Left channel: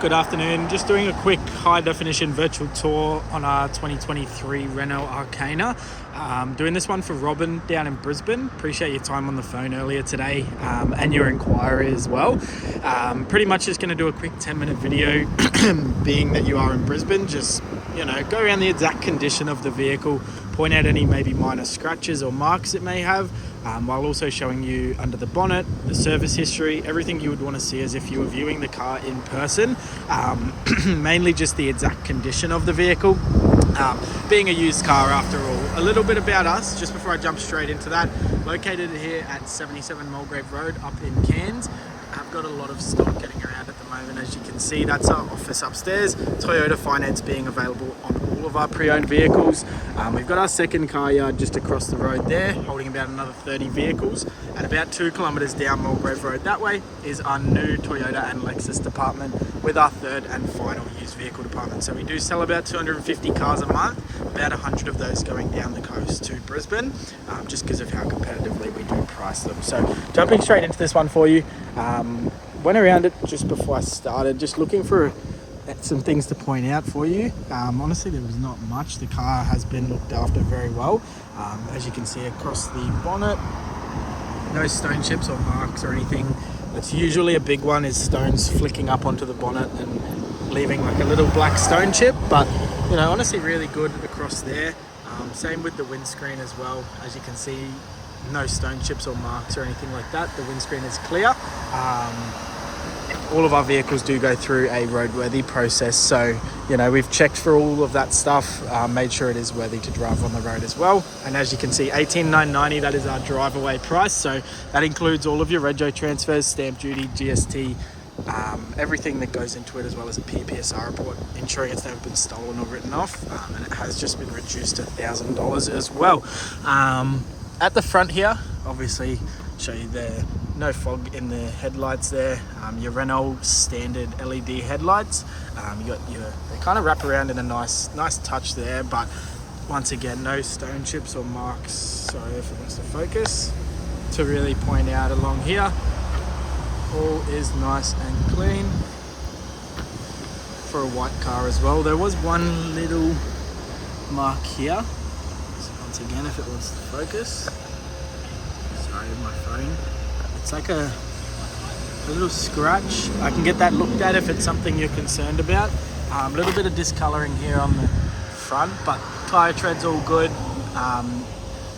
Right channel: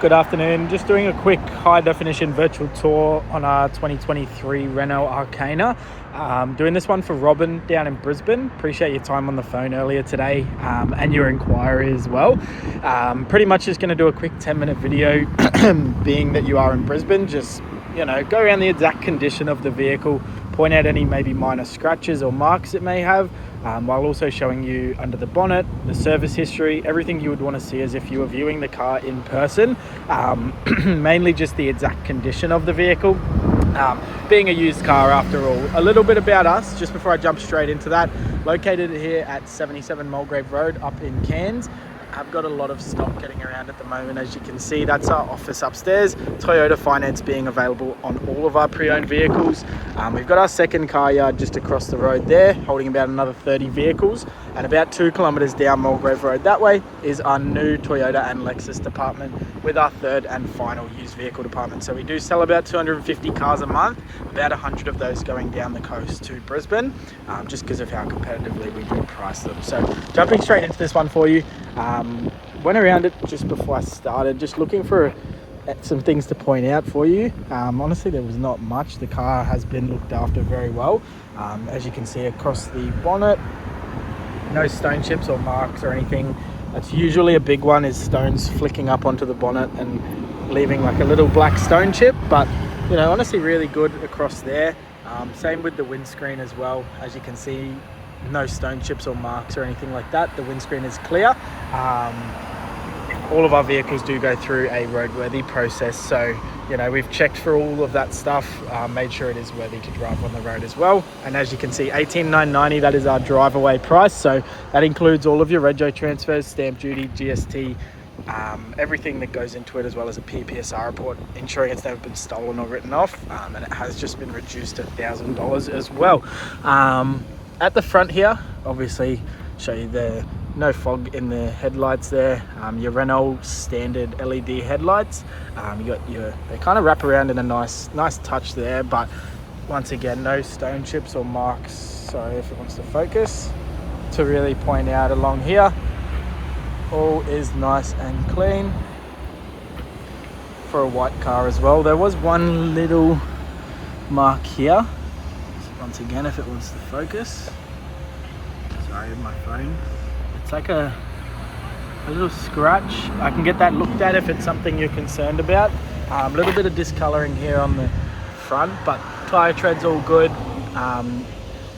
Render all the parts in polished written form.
Good afternoon. Just doing a quick high definition virtual tour on our 2023 Renault Arkana. Doing this one for Robyn down in Brisbane. Appreciate your time on the phone earlier today and your inquiry as well. Pretty much just going to do a quick 10-minute video being that you are in Brisbane. Just, go around the exact condition of the vehicle, point out any maybe minor scratches or marks it may have, while also showing you under the bonnet, the service history, everything you would want to see as if you were viewing the car in person. Mainly just the exact condition of the vehicle. Being a used car after all. A little bit about us, just before I jump straight into that. Located here at 77 Mulgrave Road up in Cairns. I've got a lot of stock getting around at the moment. As you can see, that's our office upstairs. Toyota finance being available on all of our pre-owned vehicles. We've got our second car yard just across the road there, holding about another 30 vehicles. And about 2 kilometres down Mulgrave Road that way is our new Toyota and Lexus department with our third and final used vehicle department. So we do sell about 250 cars a month, about 100 of those going down the coast to Brisbane, just because of how competitively we do price them. So jumping straight into this one for you. Went around it just before I started, just looking for some things to point out for you. Honestly, there was not much. The car has been looked after very well. As you can see across the bonnet, no stone chips or marks or anything. That's usually a big one, is stones flicking up onto the bonnet and leaving like a little black stone chip. But honestly, really good across there. Same with the windscreen as well. As you can see, no stone chips or marks or anything like that. The windscreen is clear. All of our vehicles do go through a roadworthy process, so we've checked for all of that stuff, made sure it is worthy to drive on the road as well. And as you can see, 18,990, that is our drive away price. So that includes all of your rego transfers, stamp duty, GST, everything that goes into it, as well as a PPSR report, ensuring it's never been stolen or written off. And it has just been reduced to $1,000 as well. At the front here, obviously, show you the no fog in the headlights there. Your Renault standard LED headlights. You got they kind of wrap around in a nice touch there, but once again, no stone chips or marks. Sorry if it wants to focus. To really point out along here, all is nice and clean for a white car as well. There was one little mark here. Once again, if it wants to focus. Sorry, my phone. It's like a little scratch. I can get that looked at if it's something you're concerned about. A little bit of discoloring here on the front, but tyre tread's all good.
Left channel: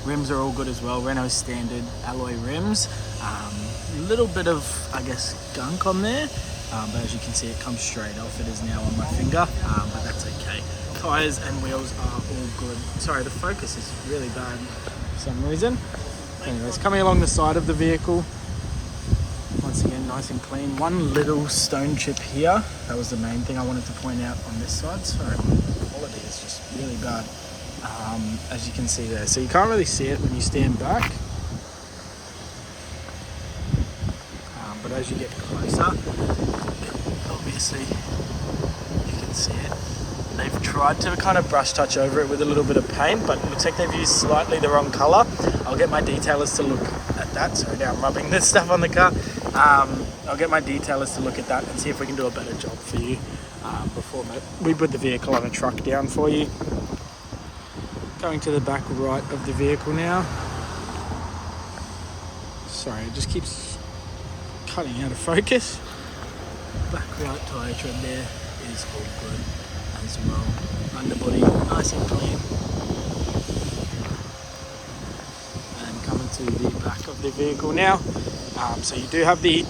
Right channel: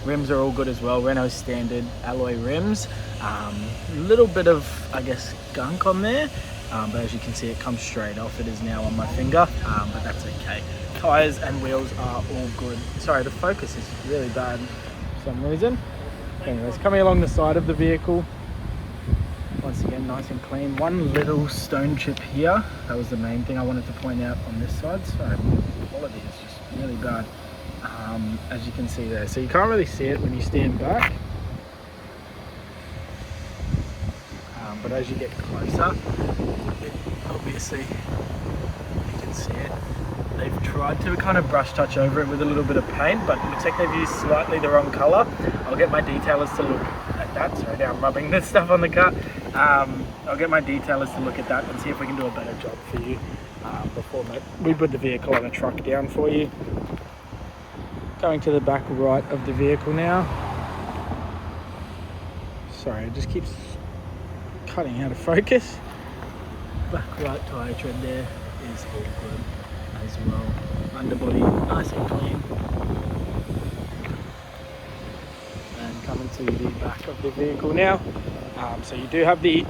Rims are all good as well. Renault standard alloy rims. Little bit of, gunk on there. But as you can see, it comes straight off. It is now on my finger, but that's okay. Tyres and wheels are all good. Sorry, the focus is really bad for some reason. Anyways, coming along the side of the vehicle, once again, nice and clean. One little stone chip here. That was the main thing I wanted to point out on this side. Sorry, the quality is just really bad, as you can see there. So you can't really see it when you stand back. But as you get closer, obviously you can see it. They've tried to kind of brush touch over it with a little bit of paint, but it looks like they've used slightly the wrong color. I'll get my detailers to look at that. Sorry, now I'm rubbing this stuff on the car. I'll get my detailers to look at that and see if we can do a better job for you before we put the vehicle on a truck down for you. Going to the back right of the vehicle now. Sorry, it just keeps cutting out of focus. Back right tyre tread there is all good as well. Underbody nice and clean. And coming to the back of the vehicle now. So you do have the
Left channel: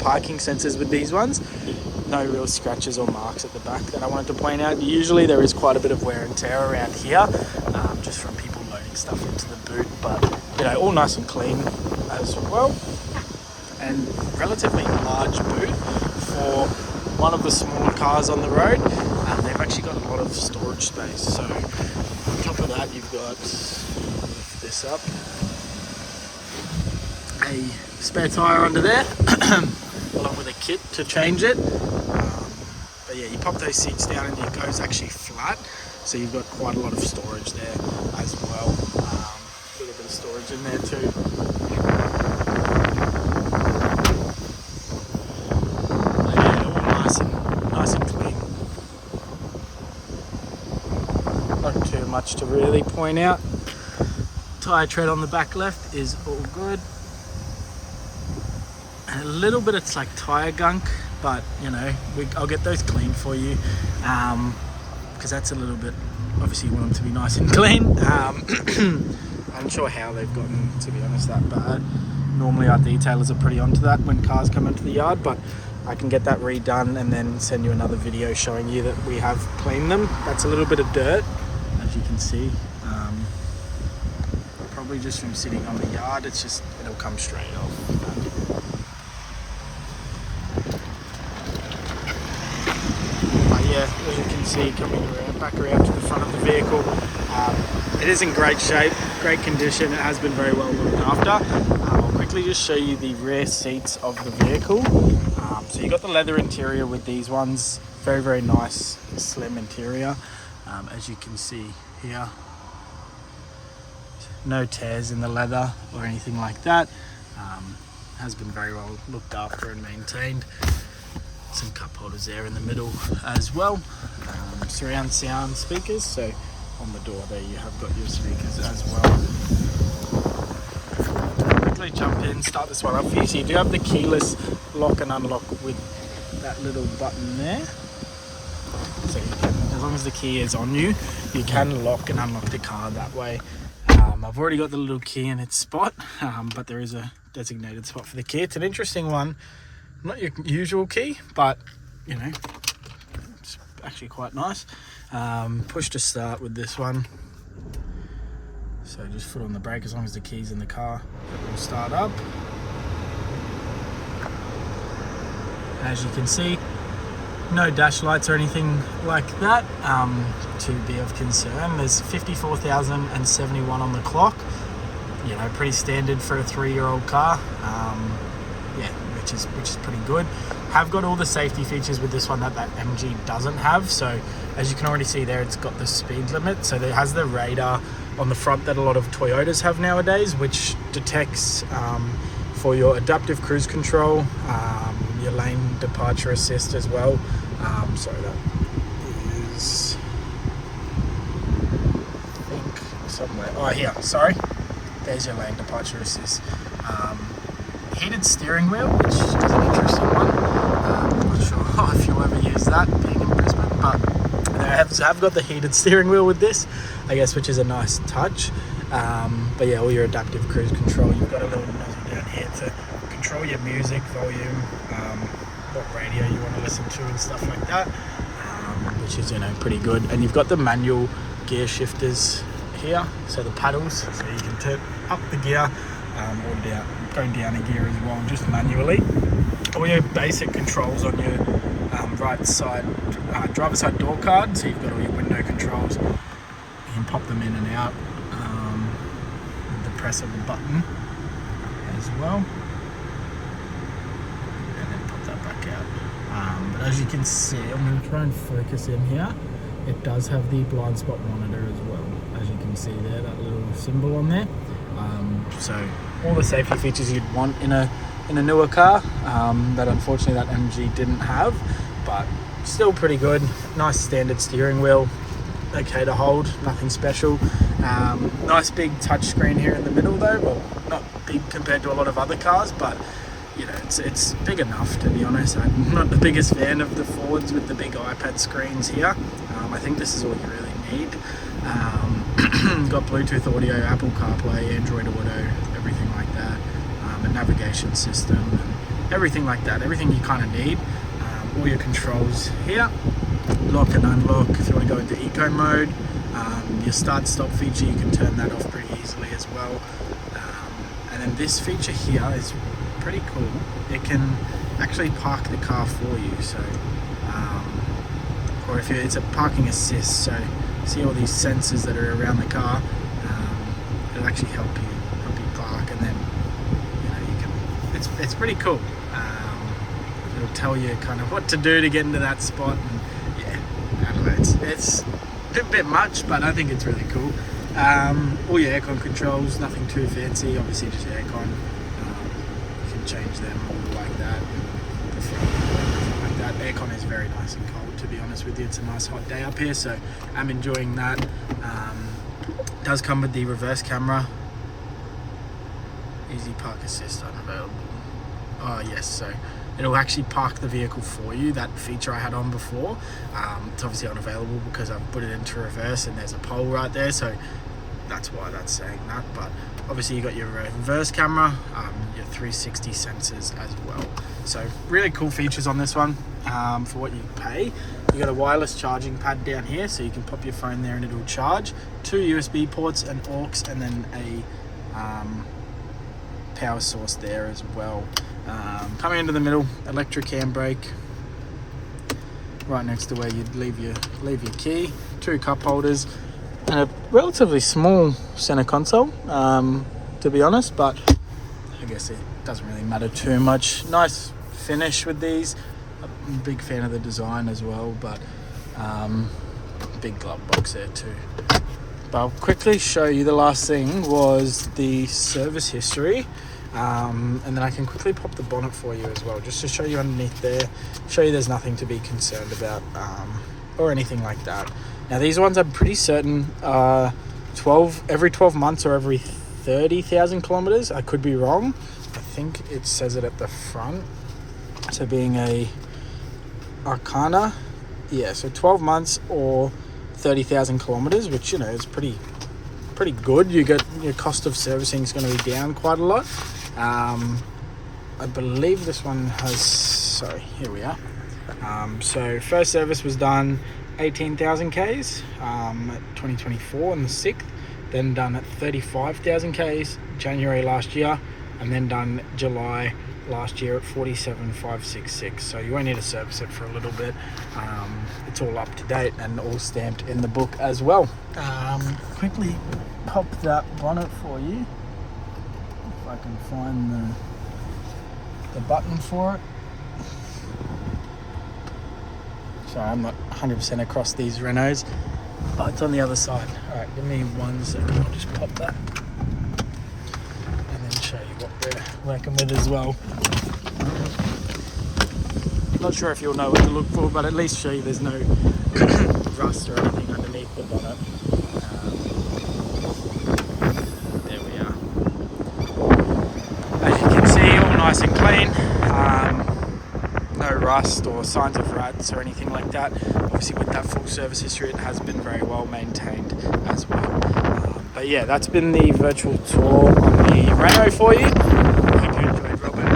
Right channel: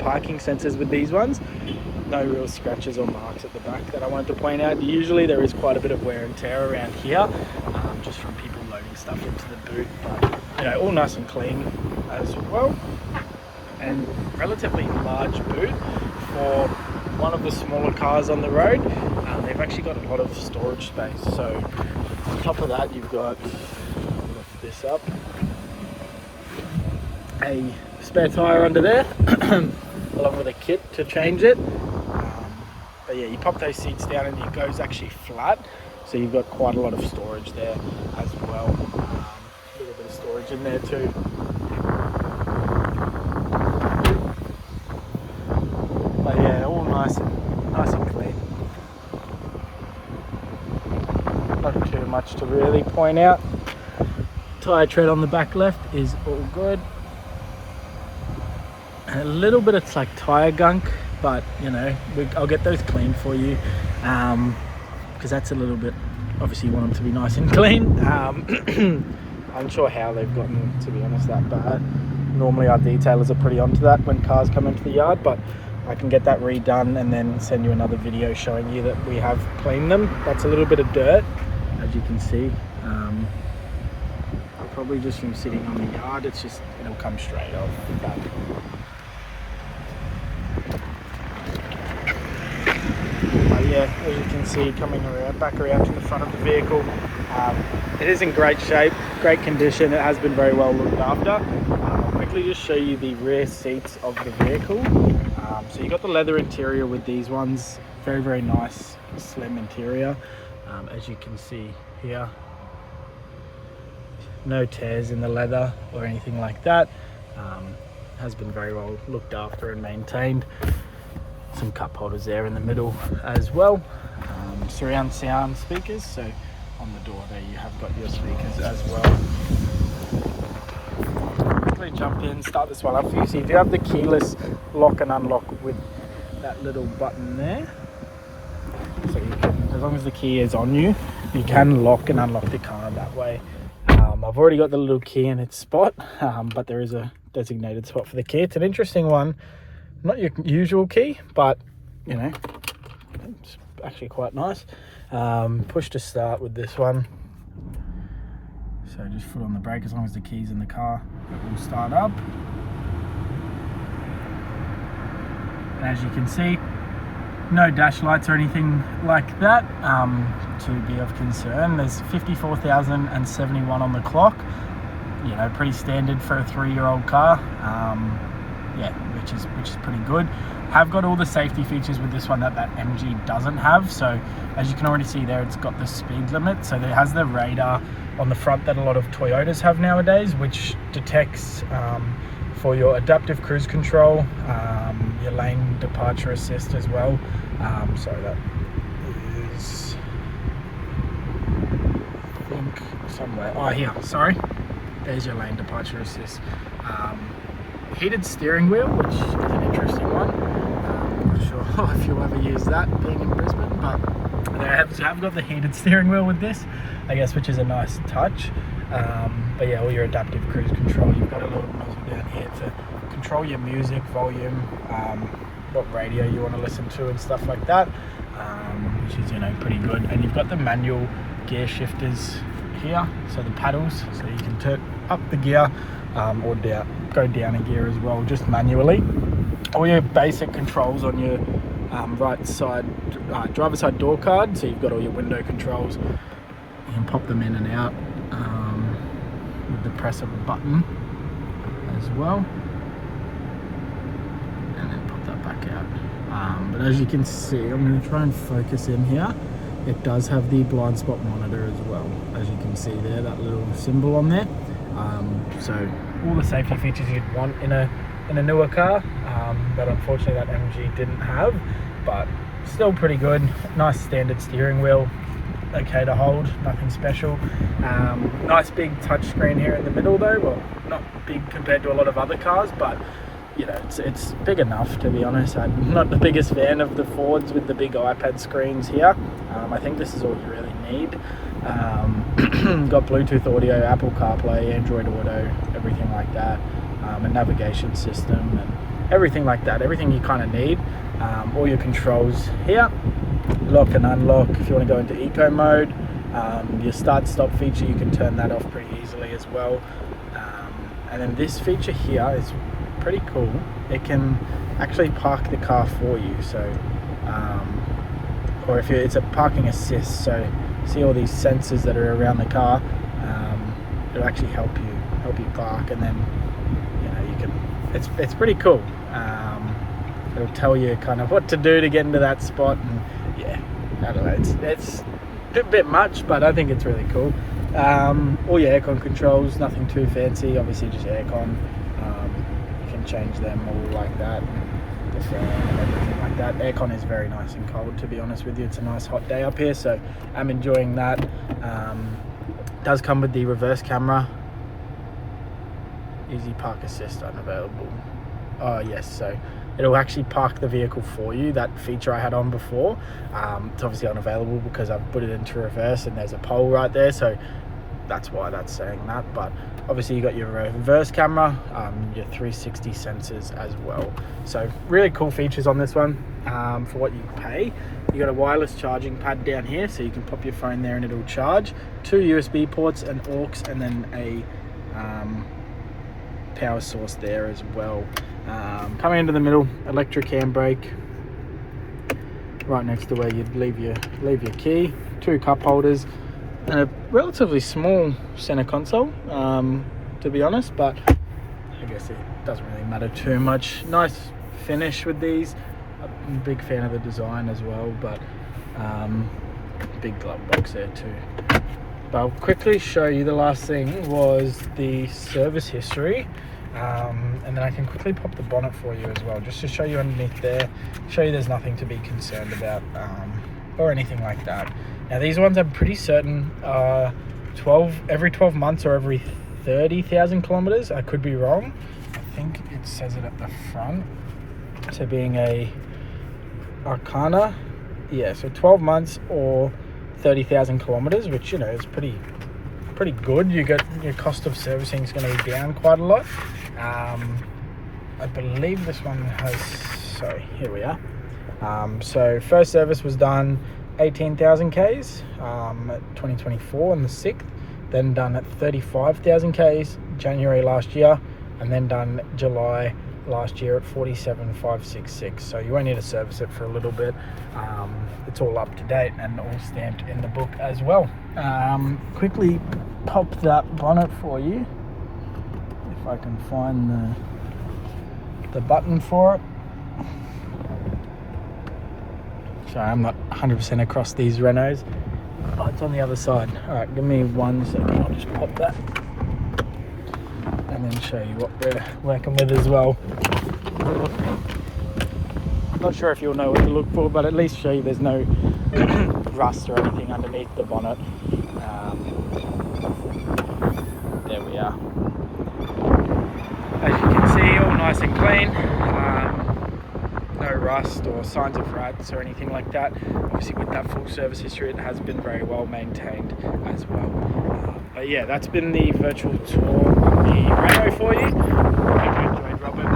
parking sensors with these ones. No real scratches or marks at the back that I wanted to point out. Usually there is quite a bit of wear and tear around here, just from people loading stuff into the boot, but all nice and clean as well. And relatively large boot for one of the smaller cars on the road. They've actually got a lot of storage space. So on top of that, you've got, lift this up, a spare tyre under there, along with a kit to change it. But yeah, you pop those seats down and it goes actually flat. So you've got quite a lot of storage there as well. A little bit of storage in there too. But yeah, all nice nice and clean. Not too much to really point out. Tyre tread on the back left is all good. And a little bit of like tyre gunk, but you know, I'll get those cleaned for you, because that's a little bit, obviously you want them to be nice and clean. I'm unsure how they've gotten, to be honest, that bad. Normally our detailers are pretty onto that when cars come into the yard, but I can get that redone and then send you another video showing you that we have cleaned them. That's a little bit of dirt, as you can see. Probably just from sitting on the yard, it'll come straight off. But yeah, as you can see, coming back around to the front of the vehicle, it is in great shape, great condition. It has been very well looked after. I'll quickly just show you the rear seats of the vehicle. So you got the leather interior with these ones, very, very nice, slim interior, as you can see here. No tears in the leather or anything like that. Has been very well looked after and maintained. Some cup holders there in the middle as well. Surround sound speakers, so on the door there you have got your speakers as well. Quickly jump in, start this one up for you. So you do have the keyless lock and unlock with that little button there. So you can, as long as the key is on you, you can lock and unlock the car that way. I've already got the little key in its spot, but there is a designated spot for the key. It's an interesting one, not your usual key, but you know, it's actually quite nice. Push to start with this one. So just foot on the brake, as long as the key's in the car, it will start up. As you can see, no dash lights or anything like that to be of concern. There's 54,071 on the clock. You know, pretty standard for a 3-year-old car. Yeah, which is pretty good. Have got all the safety features with this one that MG doesn't have. So as you can already see there, it's got the speed limit. So it has the radar on the front that a lot of Toyotas have nowadays, which detects for your adaptive cruise control, your lane departure assist as well. Sorry, that is, I think, somewhere. Oh, here, sorry. There's your lane departure assist. Heated steering wheel, which is an interesting one. I'm not sure if you'll ever use that being in Brisbane, but they have got the heated steering wheel with this, I guess, which is a nice touch. But yeah, all your adaptive cruise control, you've got a little nozzle down here to control your music, volume, what radio you want to listen to and stuff like that, which is, you know, pretty good. And you've got the manual gear shifters here, so the paddles, so you can turn up the gear or down, go down a gear as well, just manually. All your basic controls on your right side, driver side door card, so you've got all your window controls. You can pop them in and out with the press of the button as well, and then pop that back out. But as you can see, I'm going to try and focus in here. It does have the blind spot monitor as well, as you can see there, that little symbol on there. So all the safety features you'd want in a newer car that unfortunately that MG didn't have, but still pretty good. Nice standard steering wheel, okay to hold, nothing special. Nice big touchscreen here in the middle though. Well, not big compared to a lot of other cars, but you know, it's big enough, to be honest. I'm not the biggest fan of the Fords with the big iPad screens here. I think this is all you really need. Got Bluetooth audio, Apple CarPlay, Android Auto, everything like that, a navigation system and everything like that, everything you kind of need. All your controls here, lock and unlock if you want to go into eco mode. Your start stop feature, you can turn that off pretty easily as well. And then this feature here is pretty cool. It can actually park the car for you, so or if it's a parking assist, so see all these sensors that are around the car, it'll actually help you park, and then you know, you can, it's pretty cool. It'll tell you kind of what to do to get into that spot, and yeah, I don't know, it's a bit much, but I think it's really cool. All your aircon controls, nothing too fancy, obviously just aircon. You can change them all like that. The fan and everything like that. Aircon is very nice and cold, to be honest with you. It's a nice hot day up here, so I'm enjoying that. Does come with the reverse camera. Easy park assist unavailable. Oh yes, so it'll actually park the vehicle for you. That feature I had on before, it's obviously unavailable because I've put it into reverse and there's a pole right there, so that's why that's saying that. But obviously you got your reverse camera, your 360 sensors as well. So really cool features on this one for what you pay. You got a wireless charging pad down here, so you can pop your phone there and it'll charge. 2 USB ports, an aux, and then a power source there as well. Coming into the middle, electric handbrake, right next to where you'd leave your key. 2 cup holders, and a relatively small center console, to be honest, but I guess it doesn't really matter too much. Nice finish with these. I'm a big fan of the design as well, but big glove box there too. But I'll quickly show you, the last thing was the service history, and then I can quickly pop the bonnet for you as well, just to show you underneath there, show you there's nothing to be concerned about or anything like that. Now these ones I'm pretty certain every 12 months or every 30,000 kilometers. I could be wrong. I think it says it at the front. So being a Arkana, yeah, so 12 months or 30,000 kilometers, which, you know, is pretty good. You get your cost of servicing is going to be down quite a lot. I believe this one has, so here we are. So first service was done 18,000 Ks 2024 on the 6th, then done at 35,000 Ks January last year, and then done July last year at 47,566. So you won't need to service it for a little bit. It's all up to date and all stamped in the book as well. Quickly pop that bonnet for you, if I can find the button for it. Sorry, I'm not 100% across these Renaults. Oh, it's on the other side. Alright, give me 1 second. I'll just pop that and then show you what we're working with as well. Not sure if you'll know what to look for, but at least show you there's no rust or anything underneath the bonnet. There we are. As you can see, all nice and clean. No rust or signs of rats or anything like that. Obviously with that full service history, it has been very well maintained as well. But yeah, that's been the virtual tour on the Renault for you. I hope you enjoyed, Robyn.